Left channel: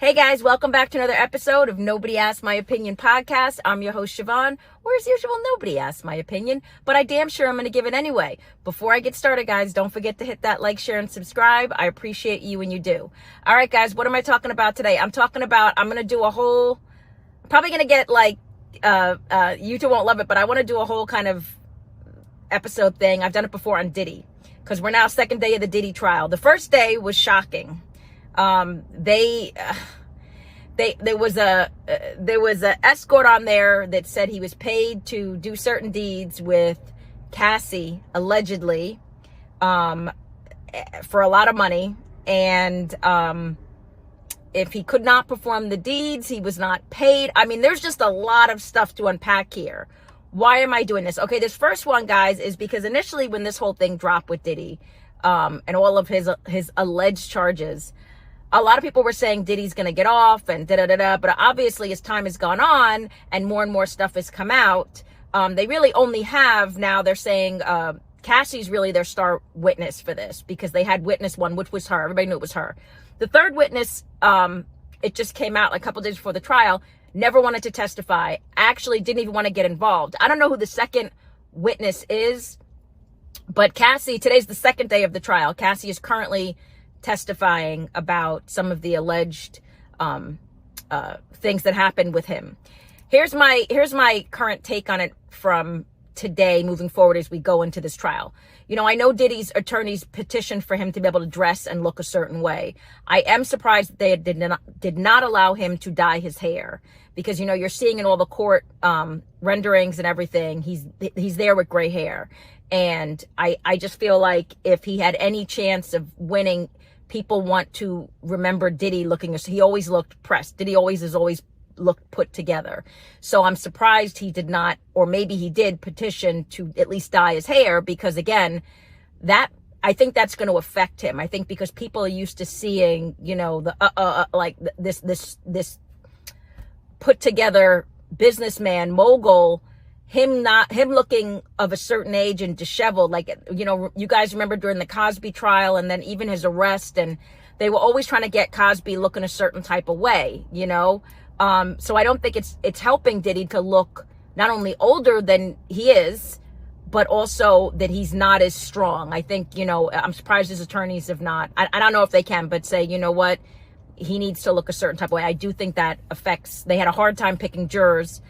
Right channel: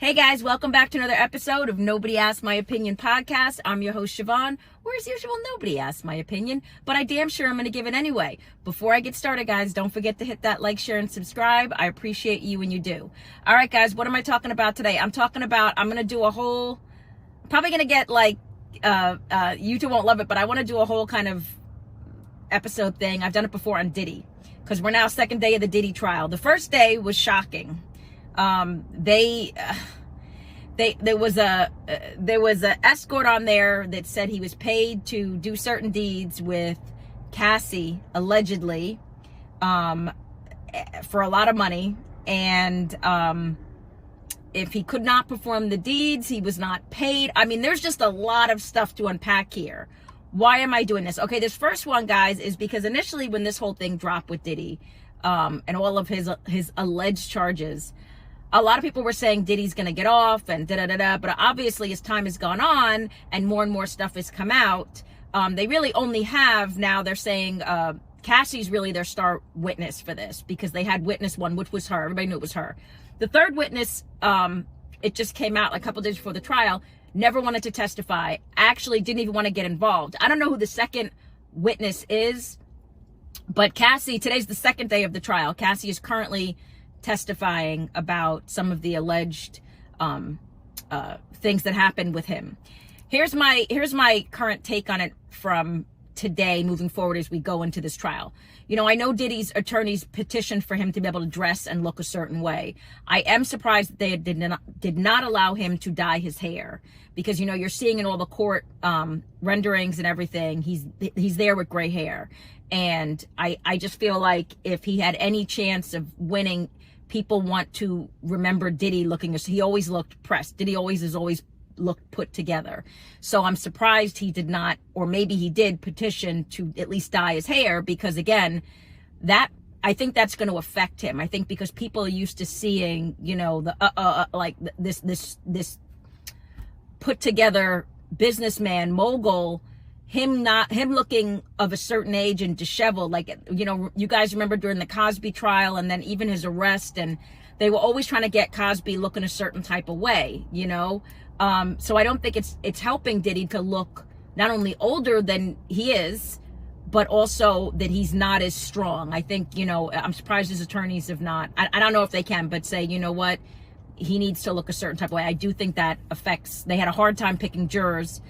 Hey guys, welcome back to another episode of Nobody Asked My Opinion podcast. I'm your host, Siobhan. Where as usual, nobody asked my opinion, but I damn sure I'm going to give it anyway. Before I get started, guys, don't forget to hit that like, share, and subscribe. I appreciate you when you do. All right, guys, what am I talking about today? I'm going to do a whole, probably going to get like, you two won't love it, but I want to do a whole kind of episode thing. I've done it before on Diddy, because we're now second day of the Diddy trial. The first day was shocking. There was a escort on there that said he was paid to do certain deeds with Cassie, allegedly, for a lot of money. And, if he could not perform the deeds, he was not paid. I mean, there's just a lot of stuff to unpack here. Why am I doing this? Okay, this first one, guys, is because initially when this whole thing dropped with Diddy, and all of his alleged charges, a lot of people were saying Diddy's going to get off and da-da-da-da, but obviously as time has gone on and more stuff has come out, they really only have, now they're saying Cassie's really their star witness for this, because they had witness one, which was her. Everybody knew it was her. The third witness, it just came out a couple days before the trial, never wanted to testify, actually didn't even want to get involved. I don't know who the second witness is, but Cassie, today's the second day of the trial. Cassie is currently testifying about some of the alleged things that happened with him. Here's my current take on it from today moving forward as we go into this trial. You know, I know Diddy's attorneys petitioned for him to be able to dress and look a certain way. I am surprised that they did not allow him to dye his hair, because, you know, you're seeing in all the court renderings and everything, he's there with gray hair. And I just feel like if he had any chance of winning, people want to remember Diddy looking, he always looked pressed. Diddy has always looked put together. So I'm surprised he did not, or maybe he did petition to at least dye his hair, because again, I think that's going to affect him. I think because people are used to seeing, you know, like this put together businessman mogul, him looking of a certain age and disheveled, like, you know, you guys remember during the Cosby trial and then even his arrest, and they were always trying to get Cosby looking a certain type of way, you know? So I don't think it's helping Diddy to look not only older than he is, but also that he's not as strong. I think, you know, I'm surprised his attorneys have not, I don't know if they can, but say, you know what, he needs to look a certain type of way. I do think that affects, they had a hard time picking jurors,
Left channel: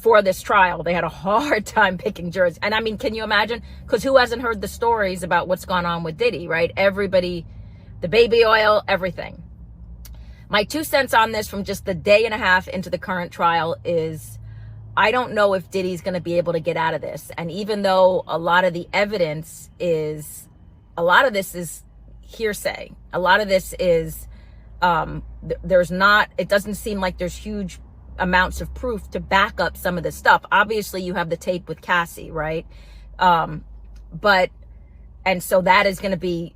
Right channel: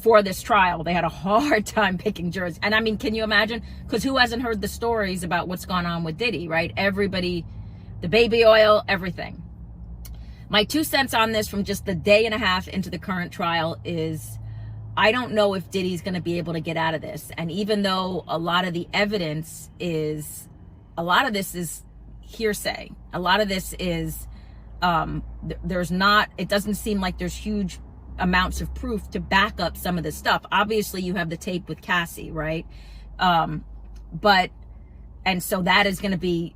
for this trial. They had a hard time picking jurors. And I mean, can you imagine? Because who hasn't heard the stories about what's gone on with Diddy, right? Everybody, the baby oil, everything. My 2 cents on this from just the day and a half into the current trial is, I don't know if Diddy's going to be able to get out of this. And even though a lot of the evidence is, a lot of this is hearsay. A lot of this is, there's not, it doesn't seem like there's huge amounts of proof to back up some of this stuff. Obviously you have the tape with Cassie, right? And so that is going to be,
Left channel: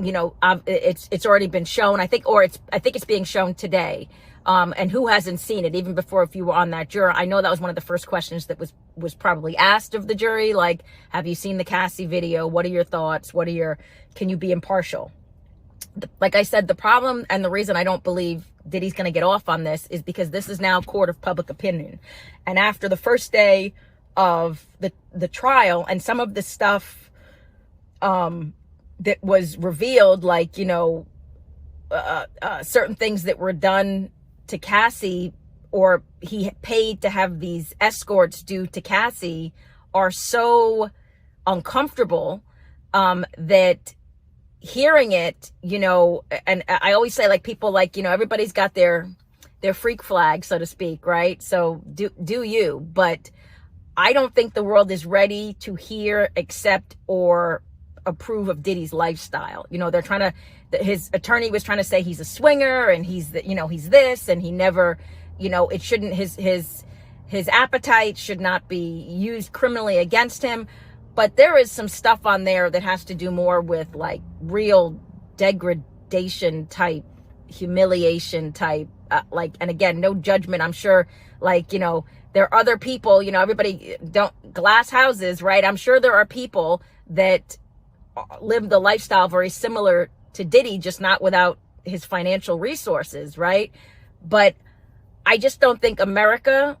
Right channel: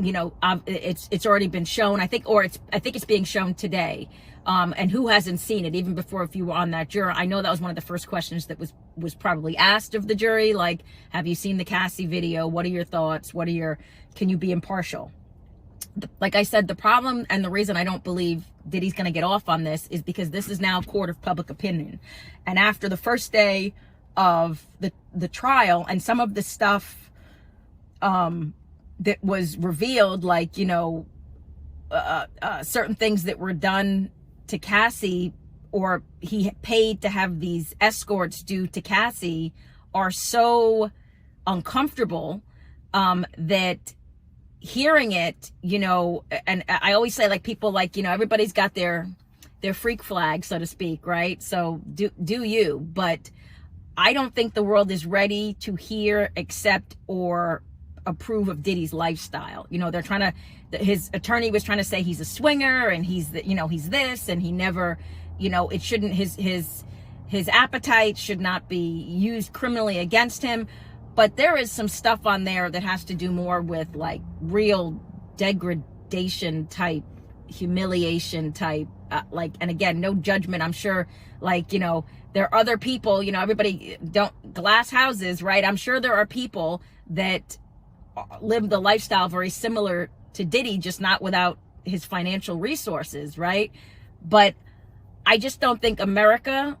you know, it's already been shown, I think it's being shown today. And who hasn't seen it? Even before, if you were on that juror, I know that was one of the first questions that was probably asked of the jury. Like, have you seen the Cassie video? What are your thoughts? Can you be impartial? Like I said, the problem and the reason I don't believe Diddy's going to get off on this is because this is now court of public opinion. And after the first day of the trial and some of the stuff that was revealed, like, you know, certain things that were done to Cassie, or he paid to have these escorts do to Cassie, are so uncomfortable that hearing it, you know, and I always say, like, people, like, you know, everybody's got their freak flag, so to speak, right? So do you, but I don't think the world is ready to hear, accept, or approve of Diddy's lifestyle. You know, they're trying to, his attorney was trying to say he's a swinger and he's this, and he never, you know, it shouldn't, his appetite should not be used criminally against him. But there is some stuff on there that has to do more with, like, real degradation type, humiliation type, like, and again, no judgment. I'm sure, like, you know, there are other people, you know, everybody glass houses, right? I'm sure there are people that live the lifestyle very similar to Diddy, just not without his financial resources, right? But I just don't think America,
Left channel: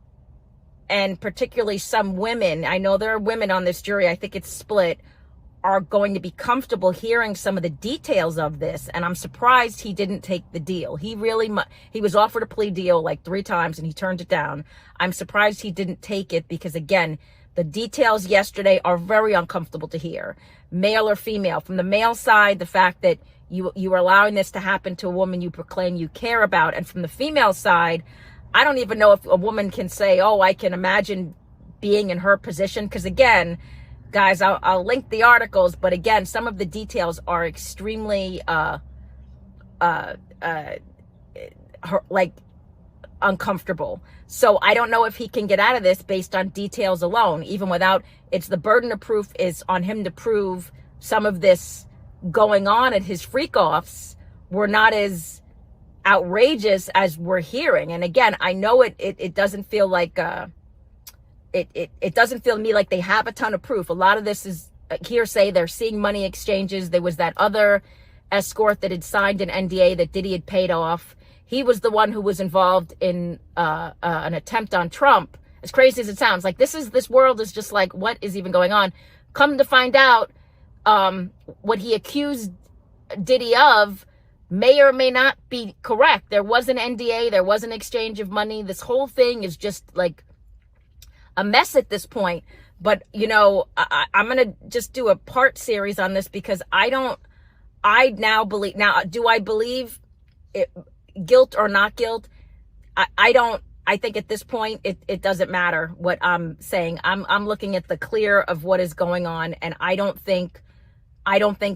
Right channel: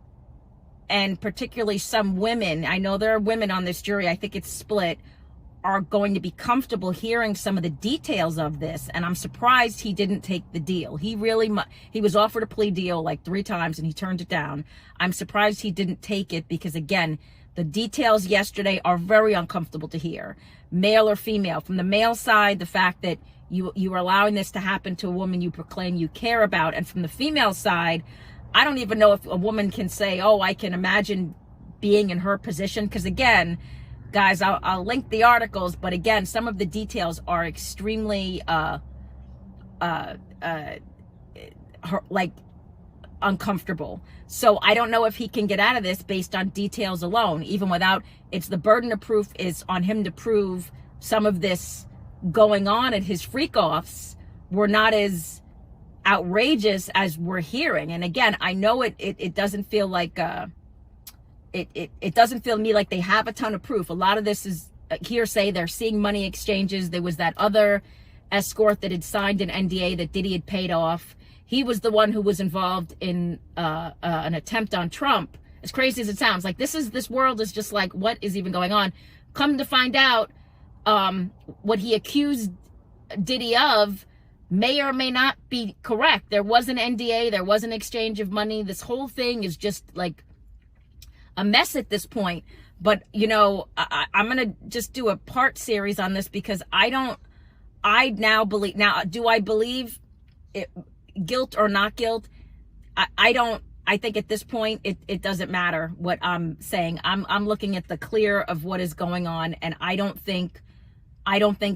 and particularly some women, I know there are women on this jury, I think it's split, are going to be comfortable hearing some of the details of this. And I'm surprised he didn't take the deal. He was offered a plea deal like 3 times and he turned it down. I'm surprised he didn't take it because, again, the details yesterday are very uncomfortable to hear, male or female. From the male side, the fact that you are allowing this to happen to a woman you proclaim you care about. And from the female side, I don't even know if a woman can say, oh, I can imagine being in her position. Because again, guys, I'll link the articles, but again, some of the details are extremely like uncomfortable. So I don't know if he can get out of this based on details alone, even without, it's the burden of proof is on him to prove some of this going on at his freak offs were not as outrageous as we're hearing. And again, I know it doesn't feel like it doesn't feel to me like they have a ton of proof. A lot of this is hearsay. They're seeing money exchanges. There was that other escort that had signed an NDA that Diddy had paid off. He was the one who was involved in an attempt on Trump. As crazy as it sounds, like this world is just like, what is even going on? Come to find out, what he accused Diddy of may or may not be correct. There was an NDA. There was an exchange of money. This whole thing is just like a mess at this point. But, you know, I'm going to just do a part series on this because I now believe, do I believe it, guilt or not guilt? I think at this point, it doesn't matter what I'm saying. I'm looking at the clear of what is going on. And I don't think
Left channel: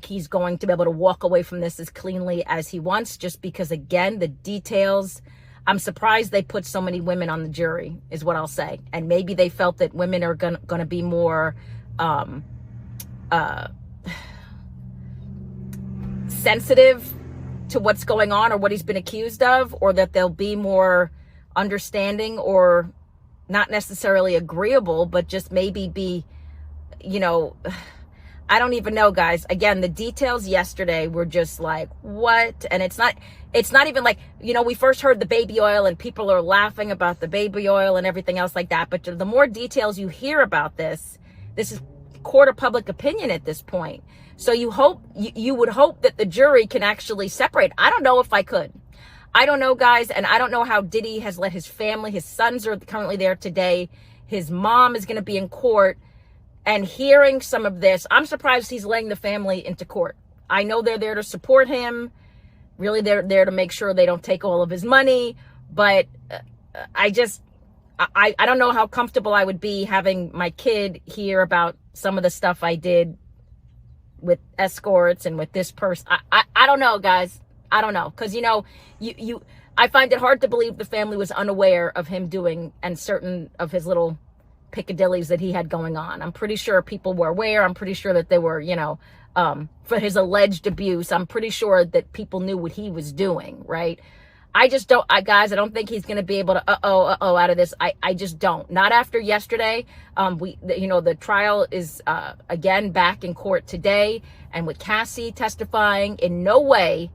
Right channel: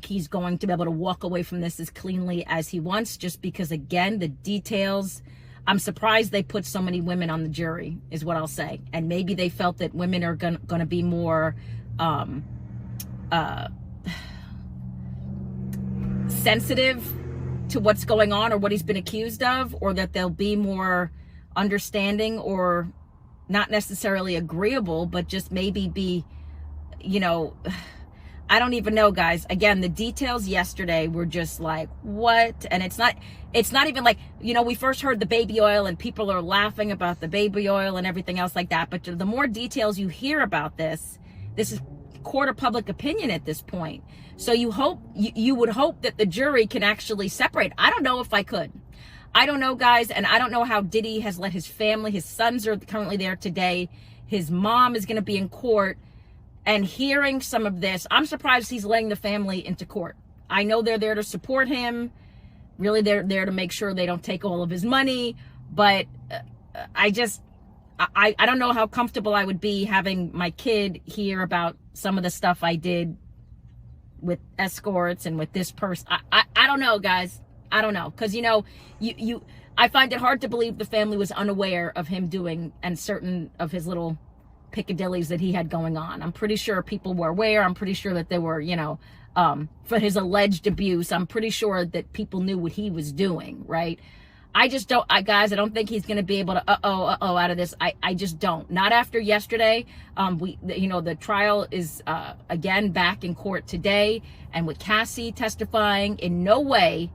he's going to be able to walk away from this as cleanly as he wants, just because, again, the details, I'm surprised they put so many women on the jury, is what I'll say. And maybe they felt that women are going to be more sensitive to what's going on or what he's been accused of, or that they'll be more understanding or not necessarily agreeable, but just maybe be, you know, I don't even know, guys. Again, the details yesterday were just like, what? And it's not even like, you know, we first heard the baby oil and people are laughing about the baby oil and everything else like that. But the more details you hear about this is court of public opinion at this point. So you would hope that the jury can actually separate. I don't know if I could. I don't know, guys. And I don't know how Diddy has let his family, his sons are currently there today. His mom is going to be in court. And hearing some of this, I'm surprised he's letting the family into court. I know they're there to support him. Really, they're there to make sure they don't take all of his money. But I don't know how comfortable I would be having my kid hear about some of the stuff I did with escorts and with this person. I don't know, guys. I don't know. Because, you know, I find it hard to believe the family was unaware of him doing and certain of his little piccadillies that he had going on. I'm pretty sure people were aware. I'm pretty sure that they were, you know, for his alleged abuse, I'm pretty sure that people knew what he was doing, right? I just don't, guys, I don't think he's going to be able to, out of this. I just don't. Not after yesterday. You know, the trial is, again, back in court today. And with Cassie testifying, in no way,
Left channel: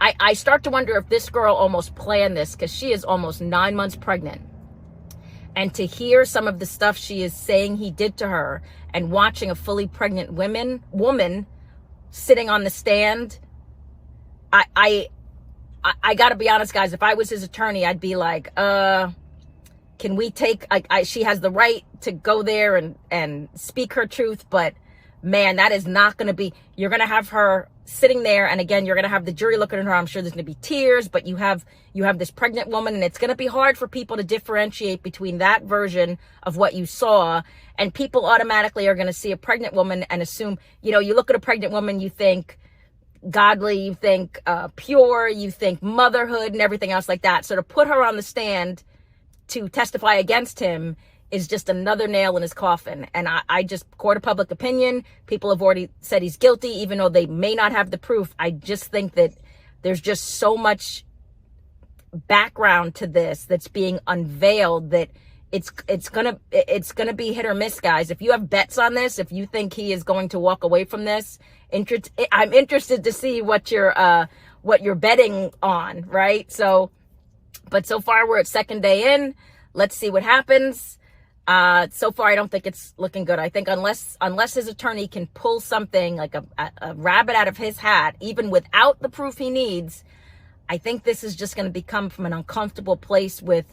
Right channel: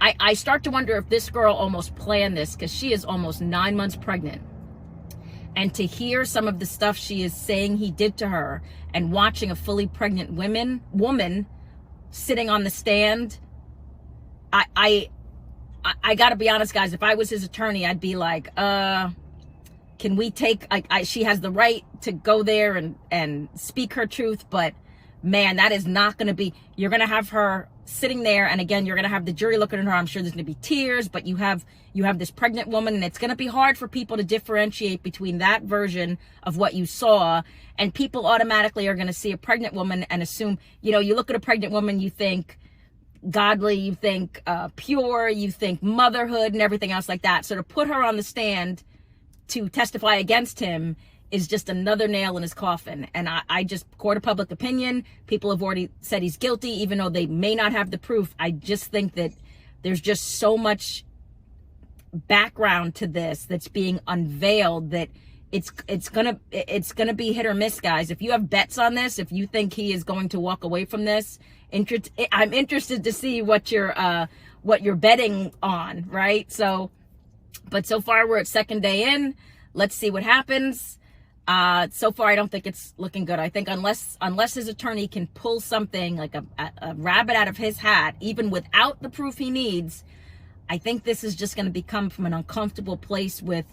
I start to wonder if this girl almost planned this, because she is almost 9 months pregnant. And to hear some of the stuff she is saying he did to her, and watching a fully pregnant woman sitting on the stand, I got to be honest, guys. If I was his attorney, I'd be like, can we take, she has the right to go there and speak her truth, but man, that is not going to be, you're going to have her sitting there. And again, you're going to have the jury looking at her. I'm sure there's going to be tears, but you have this pregnant woman, and it's going to be hard for people to differentiate between that version of what you saw. And people automatically are going to see a pregnant woman and assume, you know, you look at a pregnant woman, you think godly, you think pure, you think motherhood and everything else like that. So to put her on the stand to testify against him is just another nail in his coffin. And I just, court of public opinion, people have already said he's guilty, even though they may not have the proof. I just think that there's just so much background to this that's being unveiled that it's gonna be hit or miss, guys. If you have bets on this, if you think he is going to walk away from this, I'm interested to see what your what you're betting on, right? So, but so far we're at second day in. Let's see what happens. So far, I don't think it's looking good. I think unless his attorney can pull something like a rabbit out of his hat, even without the proof he needs, I think this is just going to become from an uncomfortable place with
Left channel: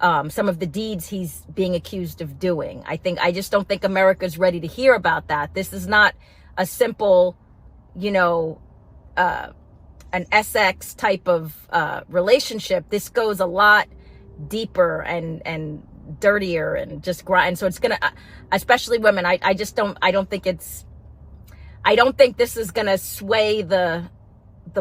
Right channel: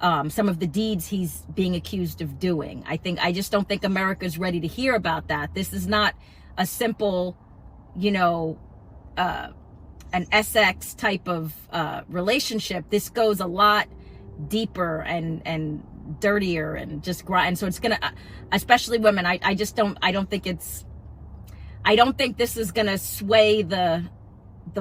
some of the deeds he's being accused of doing. I just don't think America's ready to hear about that. This is not a simple, an SX type of relationship. This goes a lot deeper and dirtier and just grind. So it's gonna, especially women. I don't think this is gonna sway the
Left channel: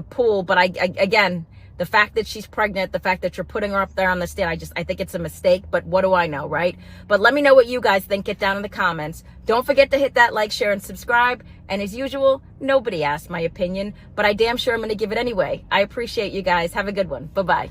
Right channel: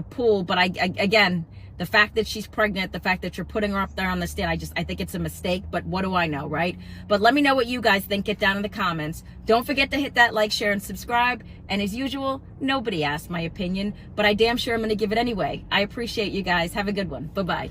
pool. But again, the fact that she's pregnant, the fact that you're putting her up there on the stand, I think it's a mistake. But what do I know, right? But let me know what you guys think. Get down in the comments. Don't forget to hit that like, share, and subscribe. And as usual, nobody asked my opinion, but I damn sure I'm gonna give it anyway. I appreciate you guys. Have a good one. Bye-bye.